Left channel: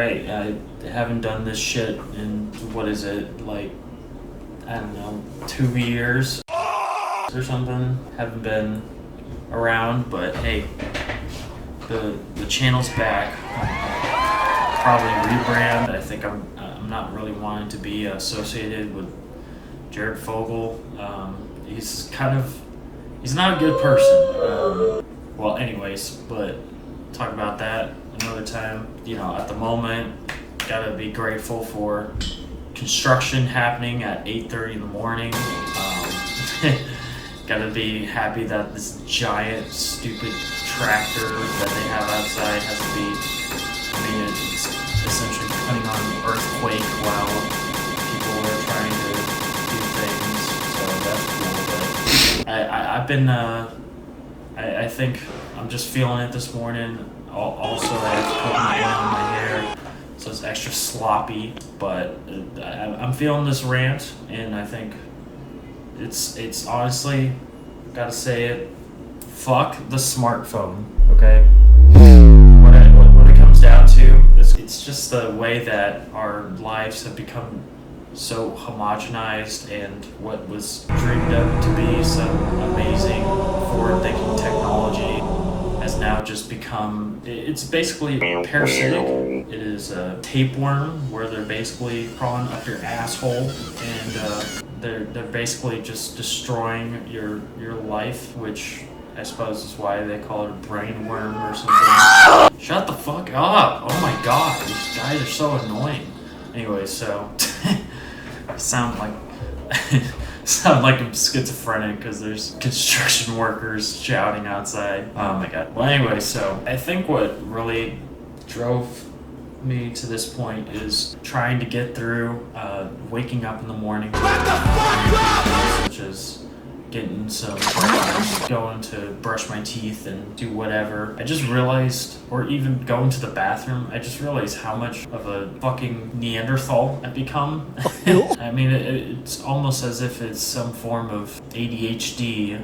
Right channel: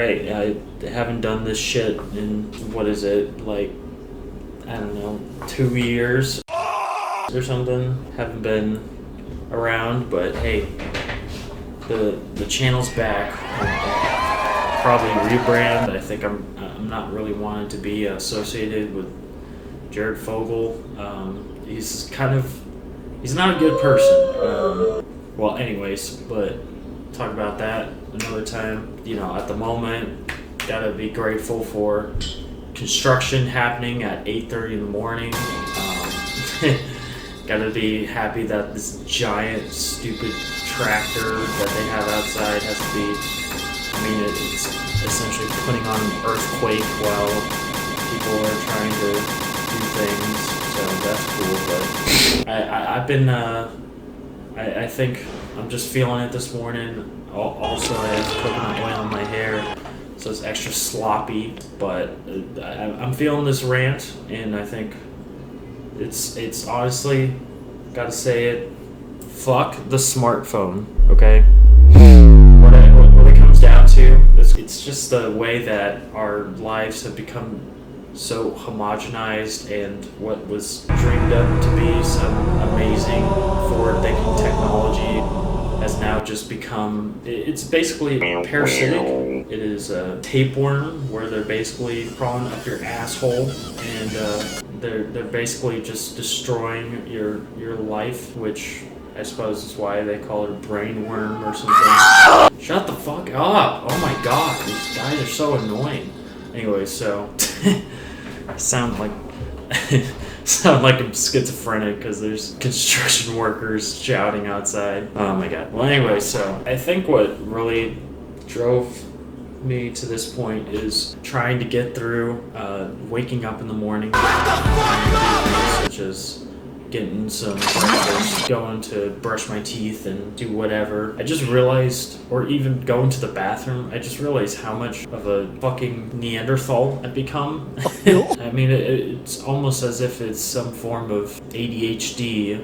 Right, I haven't done this shit in, what is it, like, I don't know, 2 years or something. Haven't been around, but hey, the channel's back. Probably rebrand. I think I'm not really wanting to be associated with Jared Fogle. He's not a good person. Well, anyways, but talk about that another time. You know, at the moment, gotta be grateful for construction happening at 8:30 in the morning. Gotta be happy that this giant, stupid tractor that they have outside has to be. I mean, it's essentially putting on an earthquake while people are trying to do things. So that's cool. But I've been. I think I'm just feeling it this morning. Also, I have to put my oil in my hair, so it's extra sloppy. But I'm feeling this rant, and I think it's honestly, gotta say it, fuck the smartphone. Okay. What it comes down to, it's just the way that our lives have become so homogenized, and what was dreamed up to be some amazing forward-thinking technology has now just become, it's basically parasitic. It is a tapeworm where they're basically crawling up your asshole, and they're basically just destroying your life, which I suppose is why they call it a brain worm or something. Shut the fuck up! Oh my god, these guys are so annoying. Anyway, so I sound like I'm schizophrenic because there's construction workers shouting outside. Oh my god. Well, anyway, so I think what really drove me to this point is trying to get through waking up in the morning, such as getting some breakfast, going to brush my teeth and do whatever. I just realized, or even going to the bathroom, I just realized how much of a fucking Neanderthal I've become. I mean, it's almost as if it's some form of ADHD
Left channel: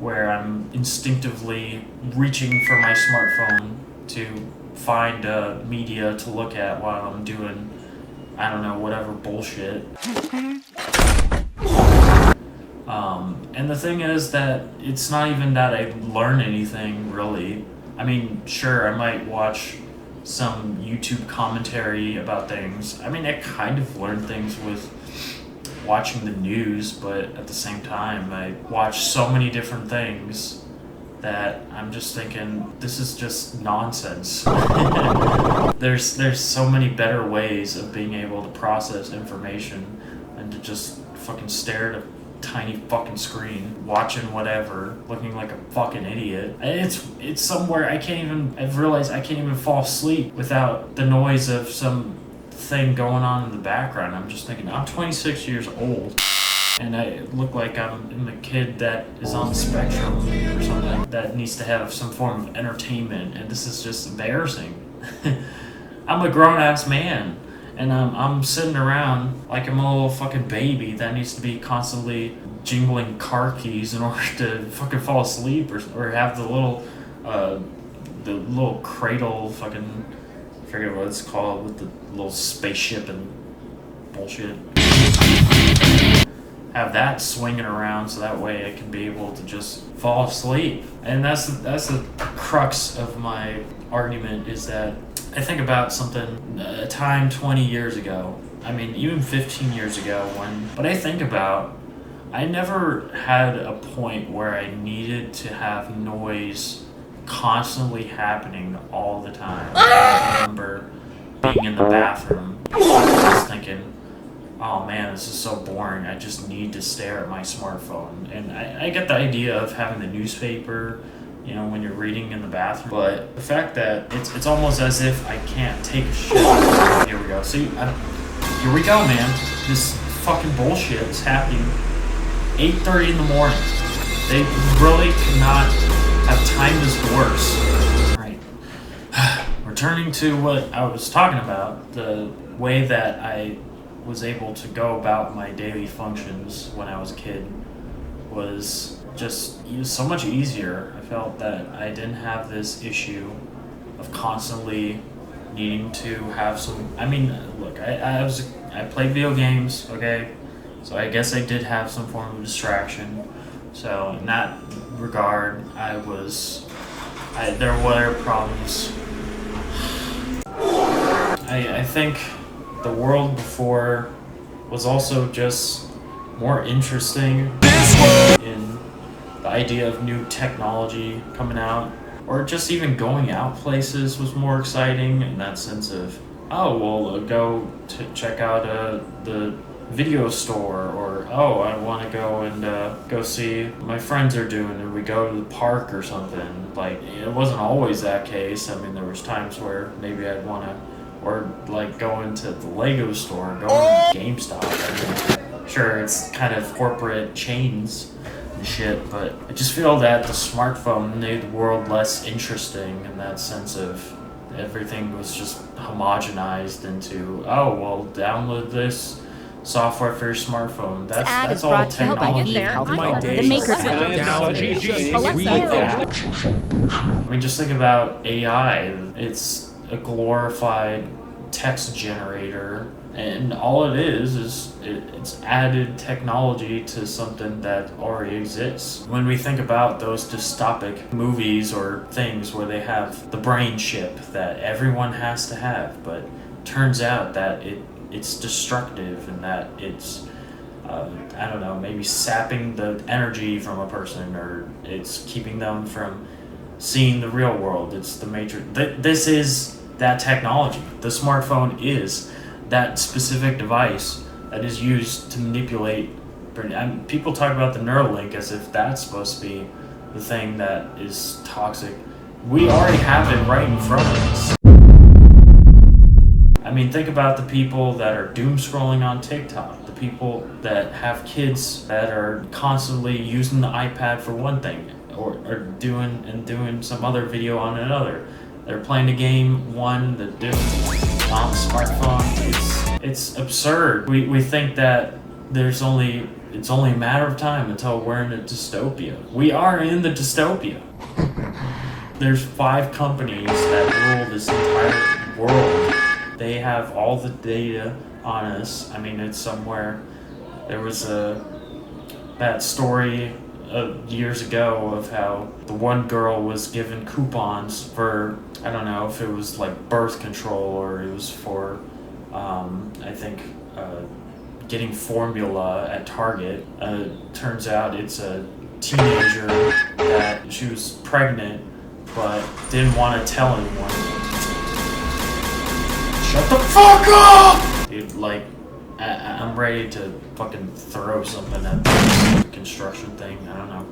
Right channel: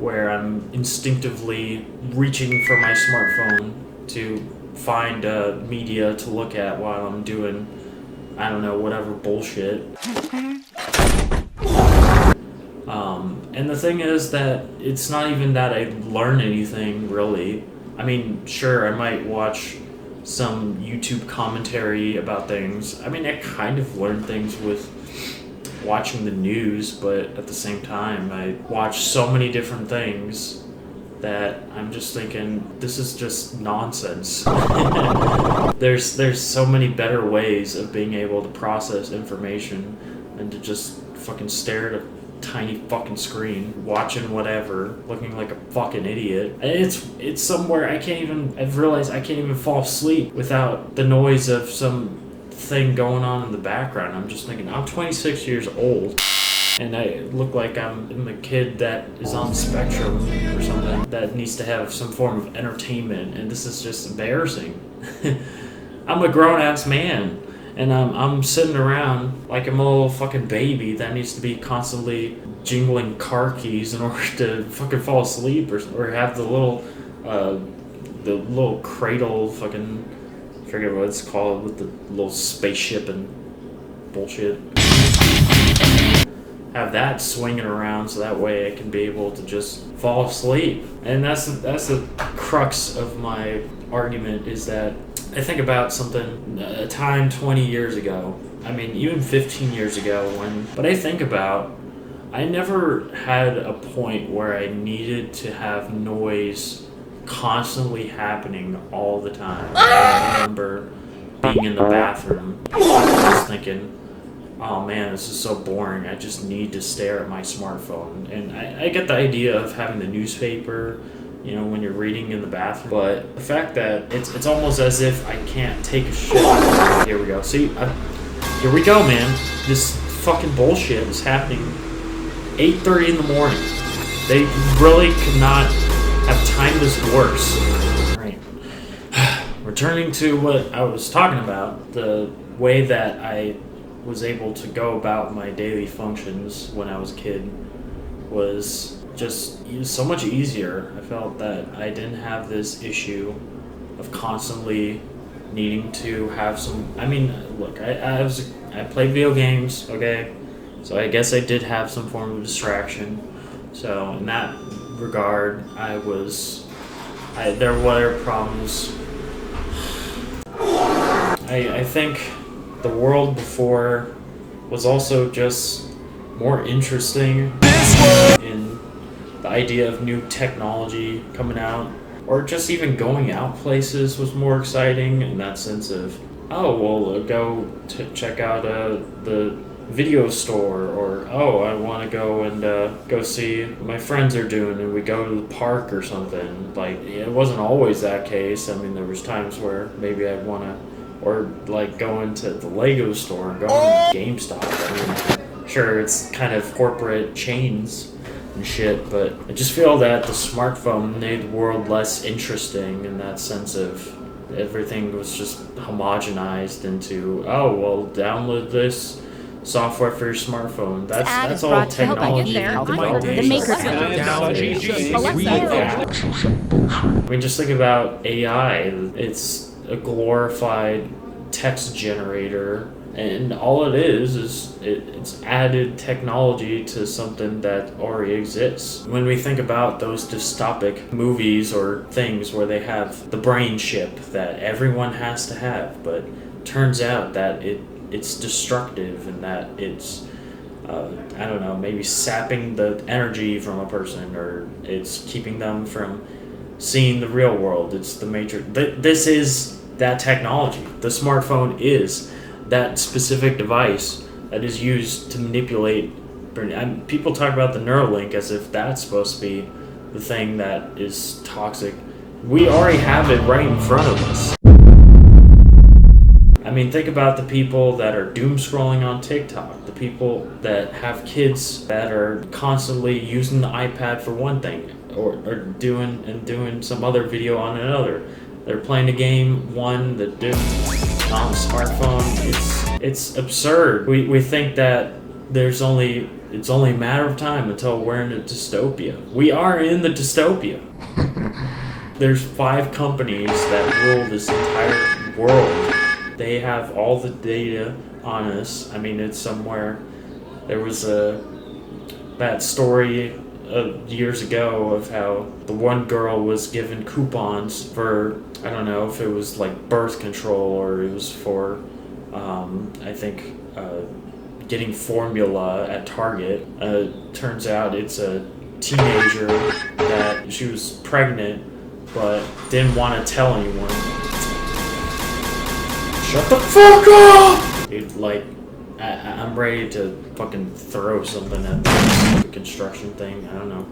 where I'm instinctively reaching for my smartphone to find media to look at while I'm doing, I don't know, whatever bullshit. And the thing is that it's not even that I learn anything, really. I mean, sure, I might watch some YouTube commentary about things. I mean, I kind of learn things with watching the news, but at the same time, I watch so many different things that I'm just thinking, this is just nonsense. There's so many better ways of being able to process information than to just fucking stare at a tiny fucking screen, watching whatever, looking like a fucking idiot. It's somewhere I've realized I can't even fall asleep without the noise of some thing going on in the background. I'm just thinking, I'm 26 years old, and I look like I'm a kid that is on the spectrum or something that needs to have some form of entertainment, and this is just embarrassing. I'm a grown-ass man, and I'm sitting around like I'm a little fucking baby that needs to be constantly jingling car keys in order to fucking fall asleep, or have the little cradle fucking, I forget what it's called, with the little spaceship and bullshit. Have that swinging around so that way I can be able to just fall asleep. And that's the crux of my argument, is that I think about something, a time 20 years ago, I mean even 15 years ago, I never had a point where I needed to have noise constantly happening all the time. I remember being in the bathroom, just thinking, oh man, this is so boring, I just need to stare at my smartphone. And I get the idea of having the newspaper, you know, when you're reading in the bathroom, but the fact that it's almost as if I can't take a shit. Here we go. See, here we go, man. This fucking bullshit is happening 8:30 in the morning. They really could not have timed this worse. Alright. Returning to what I was talking about, the way that I was able to go about my daily functions when I was a kid was just so much easier. I felt that I didn't have this issue of constantly needing to have some. I mean, look, I played video games, okay, so I guess I did have some form of distraction. So in that regard, there were problems. I think the world before was also just more interesting in the idea of new technology coming out, or just even going out places was more exciting in that sense of, oh, well, go to check out the video store, or oh, I want to go and go see what my friends are doing, and we go to the park or something. Like, it wasn't always that case. I mean, there was times where maybe I'd want to, or like going to the Lego store, going to GameStop. I mean, sure, it's kind of corporate chains and shit, but I just feel that the smartphone made the world less interesting in that sense of everything was just homogenized into, oh, well, download this software for your smartphone. That's all technology. The maker. I mean, just think about AI. It's a glorified text generator, and all it is it's added technology to something that already exists. When we think about those dystopic movies or things where they have the brain chip that everyone has to have, but turns out that it's destructive and that it's I don't know, maybe sapping the energy from a person, or it's keeping them from seeing the real world. It's the major. This is that technology. The smartphone is that specific device that is used to manipulate. And people talk about the Neuralink as if that's supposed to be the thing that is toxic. We already have it right in front of us. I mean, think about the people that are doom scrolling on TikTok, the people that have kids that are constantly using the iPad for one thing, or doing some other video on another. They're playing a game, one that did on the smartphone. It's absurd. We think that it's only a matter of time until we're in a dystopia. We are in the dystopia. There's 5 companies that rule this entire world. They have all the data on us. I mean, it's somewhere. There was that story years ago of how the one girl was given coupons for, I don't know if it was like birth control or it was for, I think, getting formula at Target. Turns out it's a teenager that she was pregnant but didn't want to tell anyone. Shut the fuck up! Dude, like, I'm ready to fucking throw something at the construction thing. I don't know.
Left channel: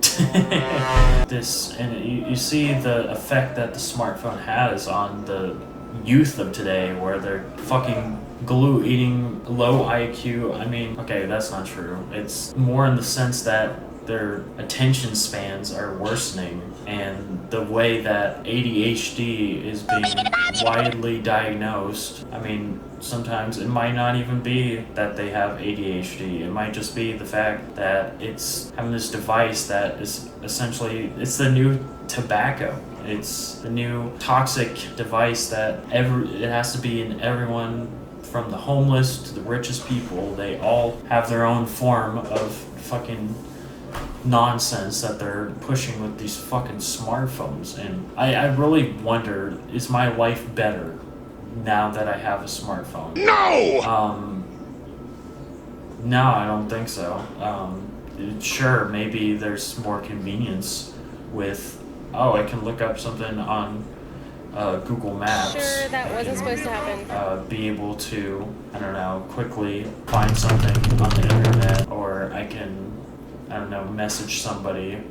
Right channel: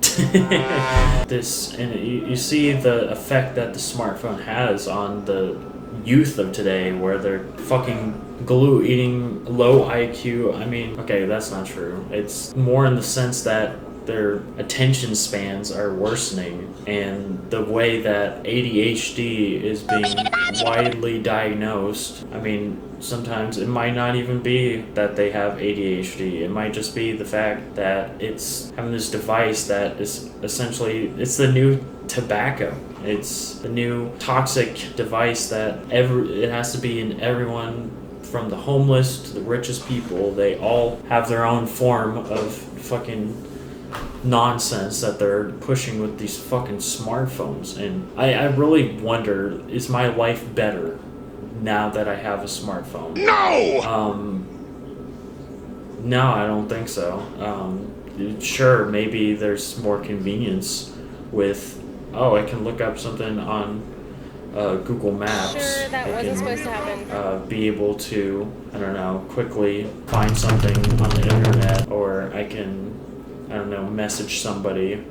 You see the effect that the smartphone has on the youth of today, where they're fucking glue eating, low IQ. I mean, okay, that's not true. It's more in the sense that their attention spans are worsening, and the way that ADHD is being widely diagnosed. I mean, sometimes it might not even be that they have ADHD. It might just be the fact that it's having this device that is essentially, it's the new tobacco. It's the new toxic device that it has to be in everyone, from the homeless to the richest people. They all have their own form of fucking nonsense that they're pushing with these fucking smartphones. And I really wonder, is my life better now that I have a smartphone? No! No, I don't think so. Sure, maybe there's more convenience with, I can look up something on Google Maps. Sure, that wasn't supposed to happen. Be able to, I don't know, quickly find something on the internet, or I can, I don't know, message somebody.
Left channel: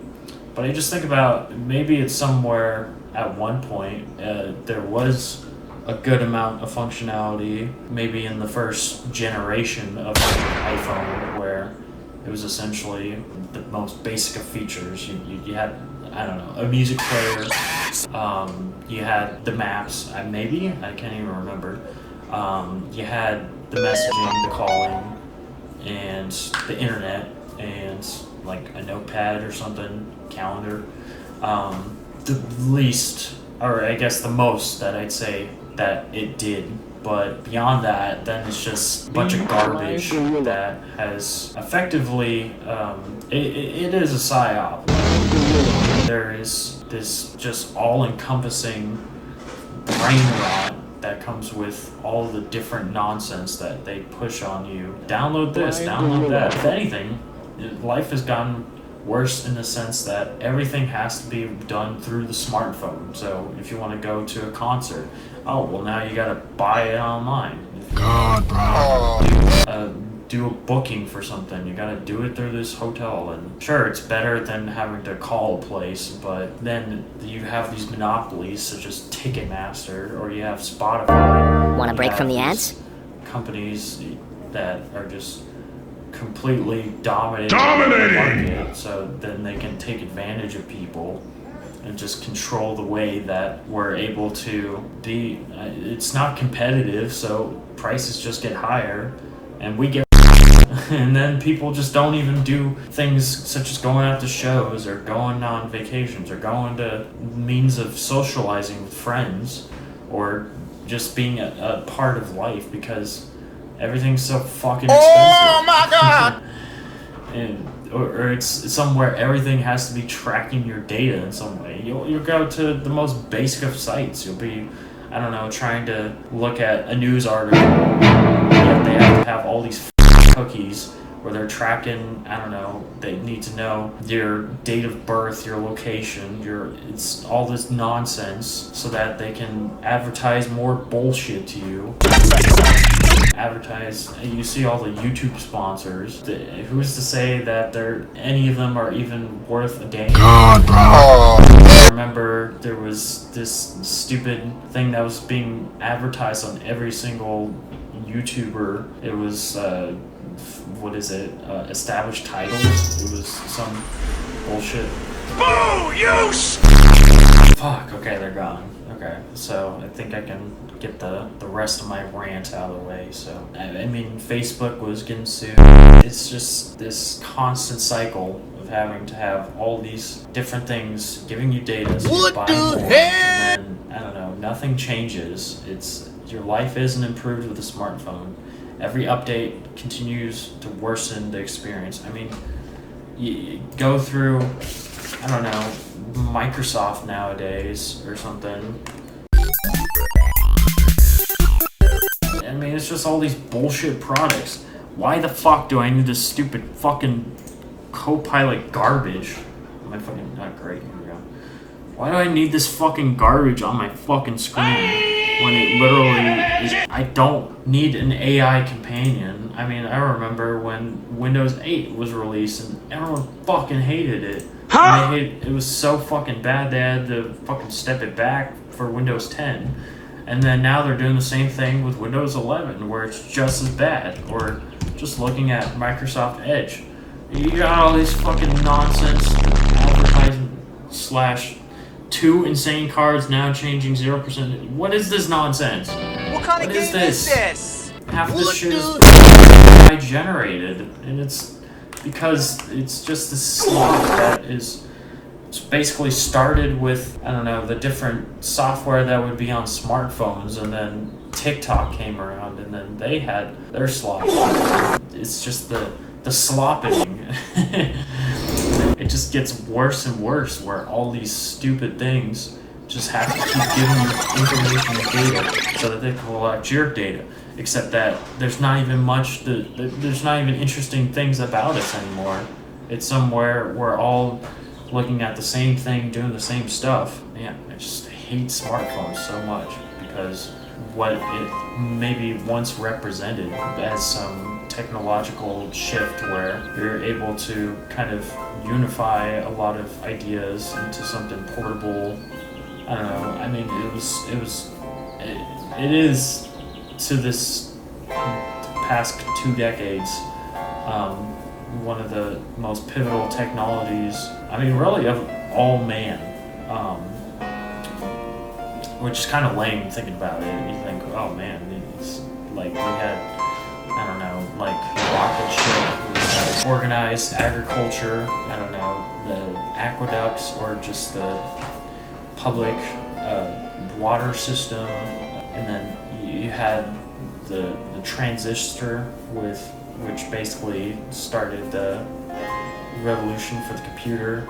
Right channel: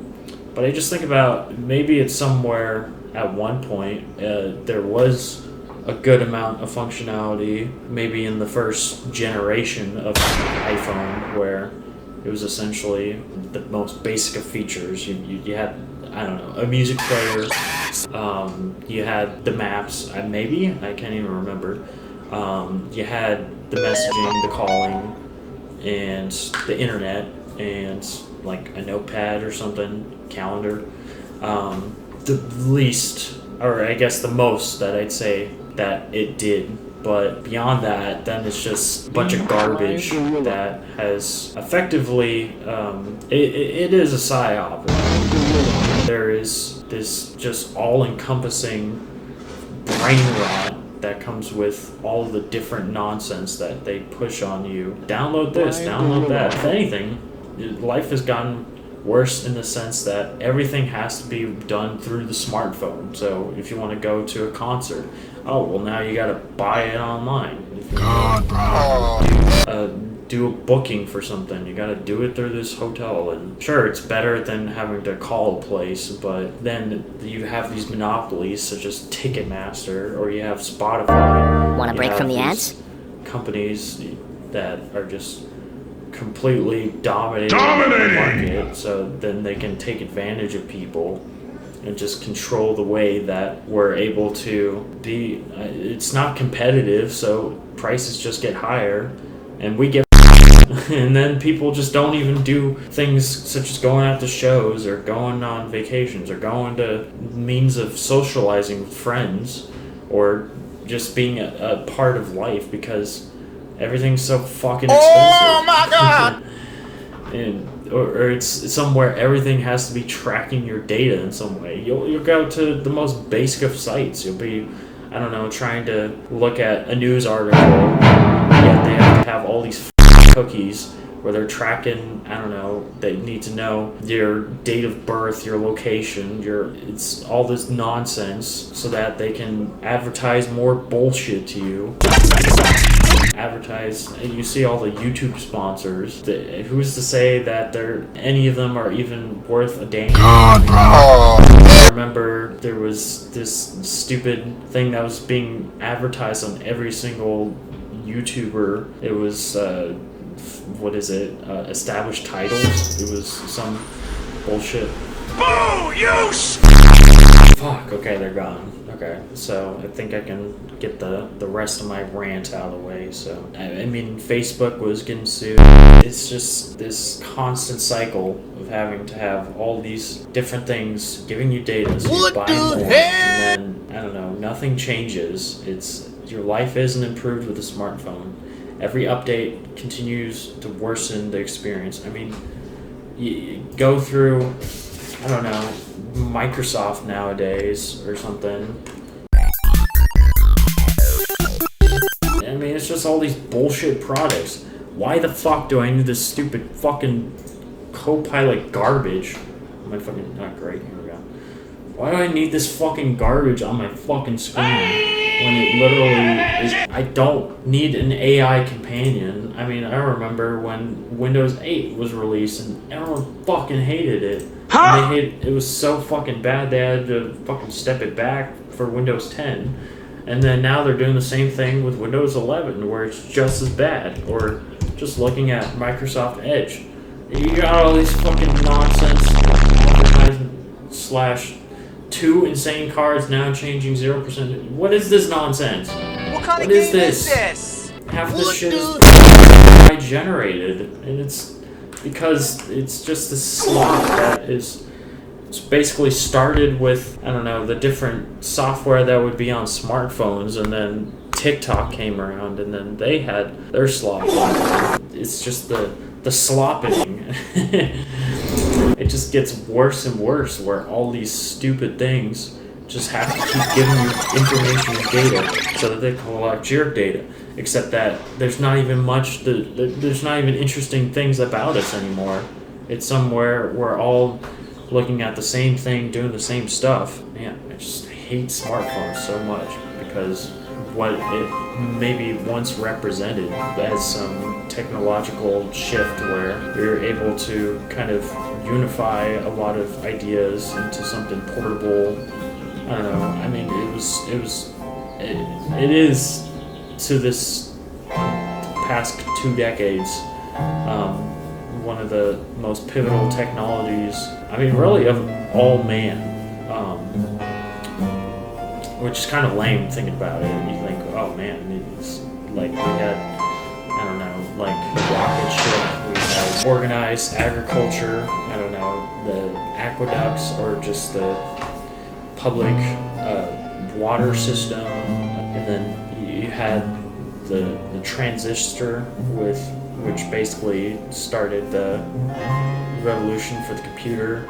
But I just think about, maybe it's somewhere at one point there was a good amount of functionality, maybe in the first generation of iPhone, where it was essentially the most basic of features. You had, I don't know, a music player, you had the maps, maybe, I can't even remember. You had the messaging, the calling, and the internet, and like a notepad or something, calendar. The least, or I guess the most that I'd say that it did. But beyond that, then it's just a bunch of garbage that has effectively, it is a psyop. There is this just all-encompassing brain rot that comes with all the different nonsense that they push on you. Download this, download that. If anything, life has gotten worse in the sense that everything has to be done through the smartphone. So if you want to go to a concert, oh, well, now you gotta buy it online. God, bro. Do a booking for something, you gotta do it through this hotel. And sure, it's better than having to call a place, but then you have these monopolies such as Ticketmaster, or you have Spotify. Want a break from the ads? Companies that are just completely dominating the market, so then they can take advantage of people and just control the way that we're able to be. It's not competitive, so prices just get higher, and we get and then people just don't even do things such as going out to shows or going on vacations or going to means of socializing with friends or just being a part of life because everything's so fucking expensive. Oh my god! or it's somewhere everything has to be tracking your data in some way. You'll go to the most basic of sites. You'll be, I don't know, trying to look at a news article, and they have to have all these cookies where they're tracking, I don't know, they need to know your date of birth, your location, it's all this nonsense so that they can advertise more bullshit to you. Advertise, and you see all the YouTube sponsors. Who's to say that any of them are even worth a damn? God, bro. I remember there was this stupid thing that was being advertised on every single YouTuber. It was established titles. It was some bullshit. Boo! You Fuck, okay, they're gone. Okay, so I think I can get the rest of my rant out of the way. So, I mean, Facebook was getting sued. It's just this constant cycle of having to have all these different things giving you data. So What you buy the more, hell? and then, I don't know, nothing changes. Your life isn't improved with a smartphone. Every update continues to worsen the experience. I mean, you go through, I don't know, Microsoft nowadays or something. I mean, it's just all these bullshit products. Why the fuck do I need this stupid fucking Copilot garbage? Am I fucking not great? Here we go. Why do I need this fucking garbage on my fucking screen? When it literally is, I don't need an AI companion. I mean, I remember when Windows 8 was released and everyone fucking hated it. Huh? It was so fucking bad they had to fucking step it back for Windows 10. And then now they're doing the same thing with Windows 11 where it's just as bad. Or just looking at Microsoft Edge. You got all these fucking nonsense / 2 insane cards now changing 0%. What is this nonsense? What kind of What is game is this? Half of this What shit the- is AI generated, and it's because it's just this slop that is basically started with, I don't know, the different software that would be on smartphones, and then TikTok came around, and then they had their slop. It's just the slopping. It just gets worse and worse, where all these stupid things just have to keep giving you information and data so that they can collect your data. Except that there's not even there's not even interesting things about us anymore. It's somewhere we're all looking at the same thing, doing the same stuff. Man, I just hate smartphones so much because what it maybe once represented as some technological shift where you're able to kind of unify a lot of ideas into something portable. I don't know. I mean, it is to this past 2 decades one of the most pivotal technologies. I mean, really of all man. Which is kind of lame thinking about it. You think, oh man, it's like we had, I don't know, like rocket ship, we had organized agriculture, I don't know, the aqueducts or just the public water system. and then you had the transistor, which basically started the revolution for the computer.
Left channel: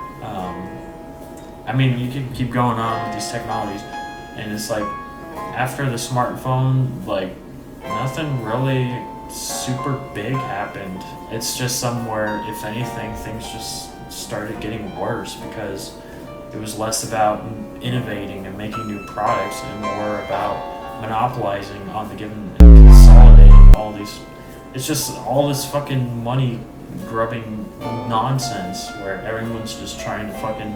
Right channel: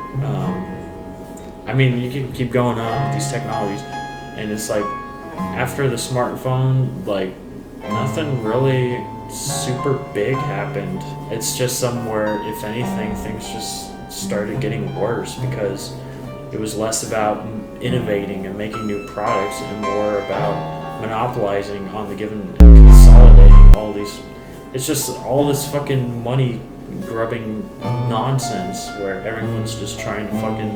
I mean, you can keep going on with these technologies, and it's like after the smartphone, like nothing really super big happened. It's just somewhere, if anything, things just started getting worse because it was less about innovating and making new products and more about monopolizing on the given and consolidating all these. It's just all this fucking money grubbing nonsense where everyone's just trying to fucking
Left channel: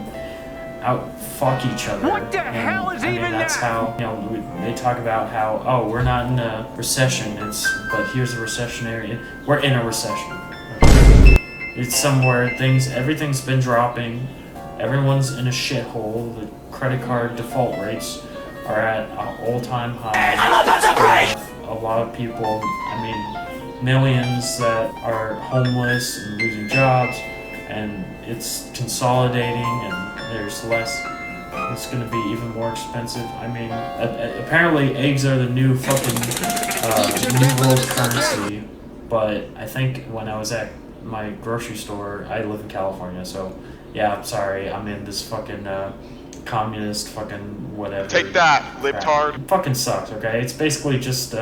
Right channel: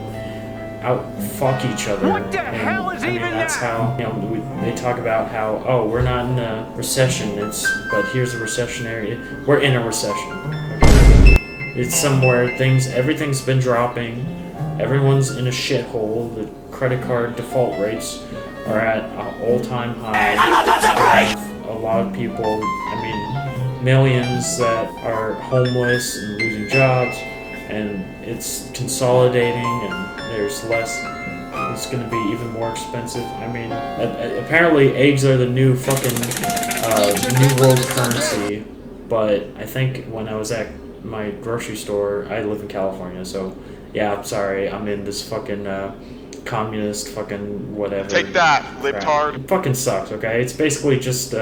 out fuck each other. What the hell is even that's that? how, you know, they talk about how, oh, we're not in a recession, but here's a recessionary, we're in a recession. It's somewhere everything's been dropping, everyone's in a shithole, the credit card default rates are at an all-time high. A lot of people, millions that are homeless and losing jobs, and it's consolidating, and there's less. It's going to be even more expensive. Apparently eggs are the new fucking new world currency, but I think when I was at my grocery store, I live in California, so yeah, I'm sorry, I'm in this fucking communist fucking whatever. Take that, libtard. It fucking sucks, okay? It's basically just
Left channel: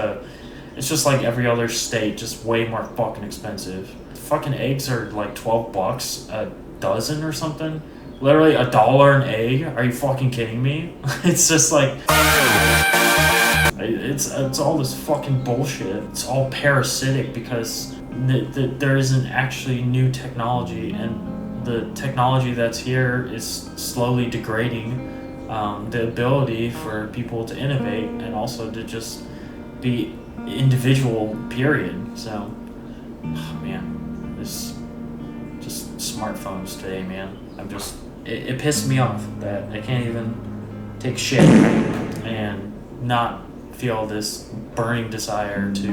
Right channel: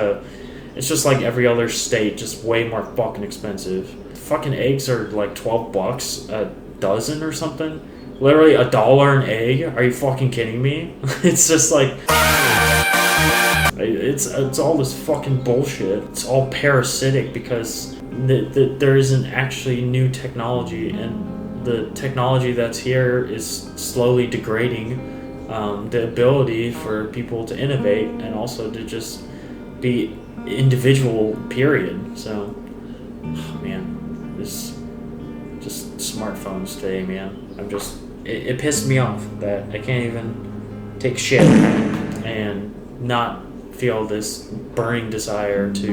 it's just like every other state, just way more fucking expensive. Fucking eggs are like $12 a dozen or something. Literally $1 an egg. Are you fucking kidding me? It's just like it's all this fucking bullshit. It's all parasitic because there isn't actually new technology, and the technology that's here is slowly degrading the ability for people to innovate and also to just be individual, period. So, man, this just smartphones today, man. It pissed me off that I can't even take shit and not feel this burning desire to,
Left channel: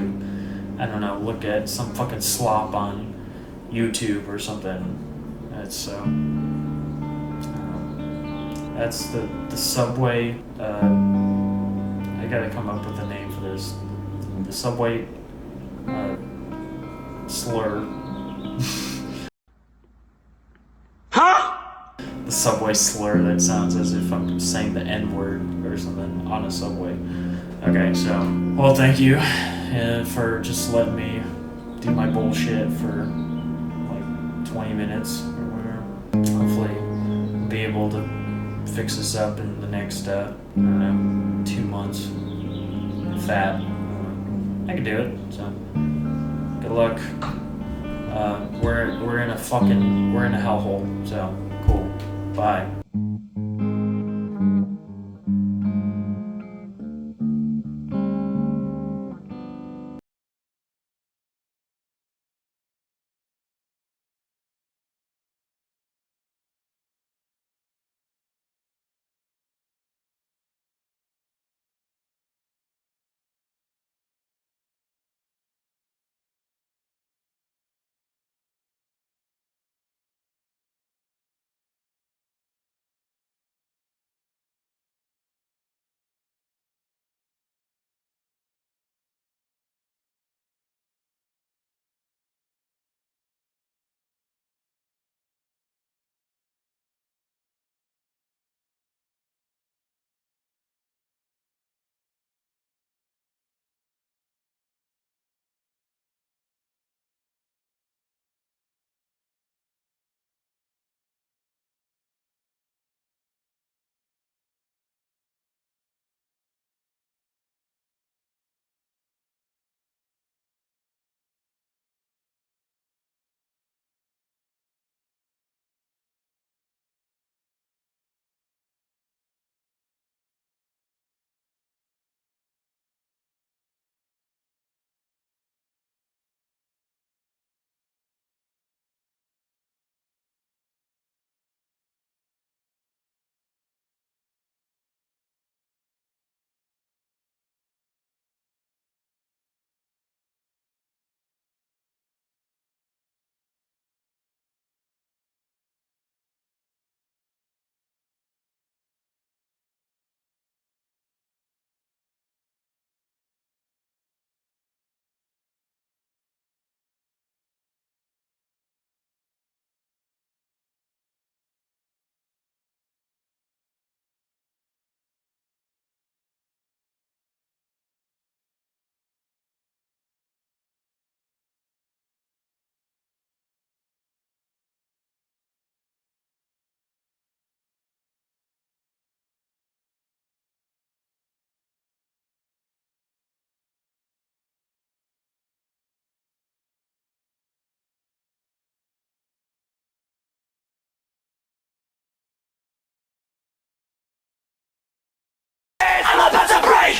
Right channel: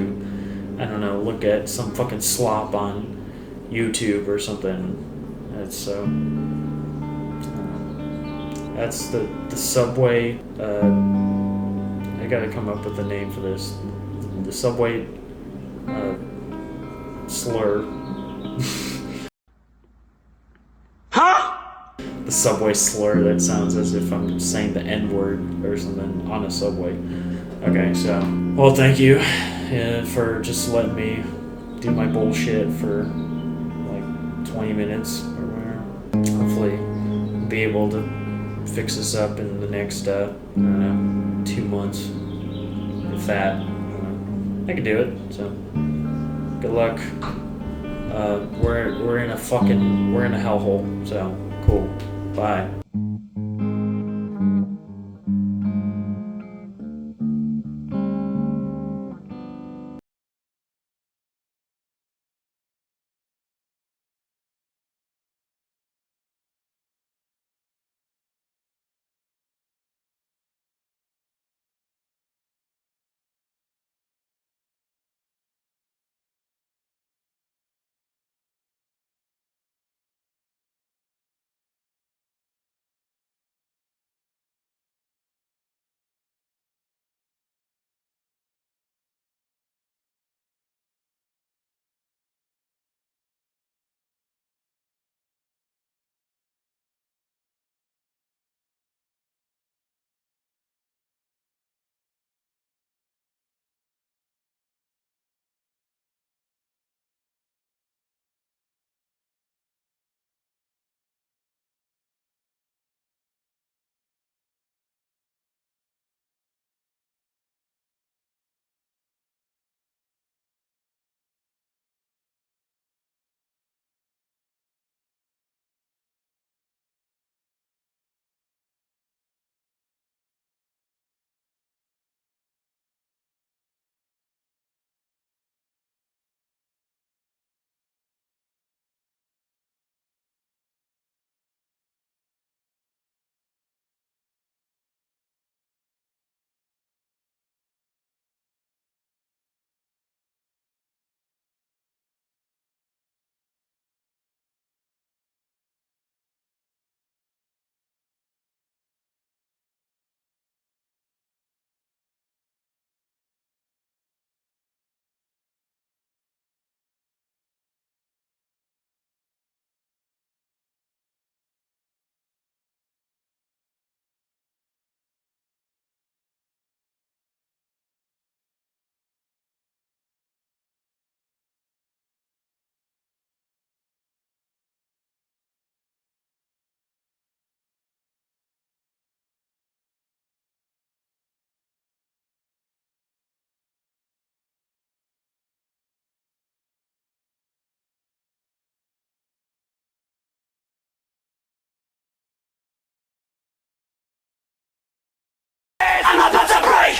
I don't know, look at some fucking slop on YouTube or something. That's the Subway. I gotta come up with a name for this. The Subway slur. Huh? The Subway slur that sounds as if I'm saying the N-word or something on a Subway. Okay, so, well, thank you for just letting me do my bullshit for like 20 minutes or whatever. Hopefully I'll be able to fix this up in the next, I don't know, 2 months. If that, I can do it, so good luck. We're in a hellhole, so cool. Bye.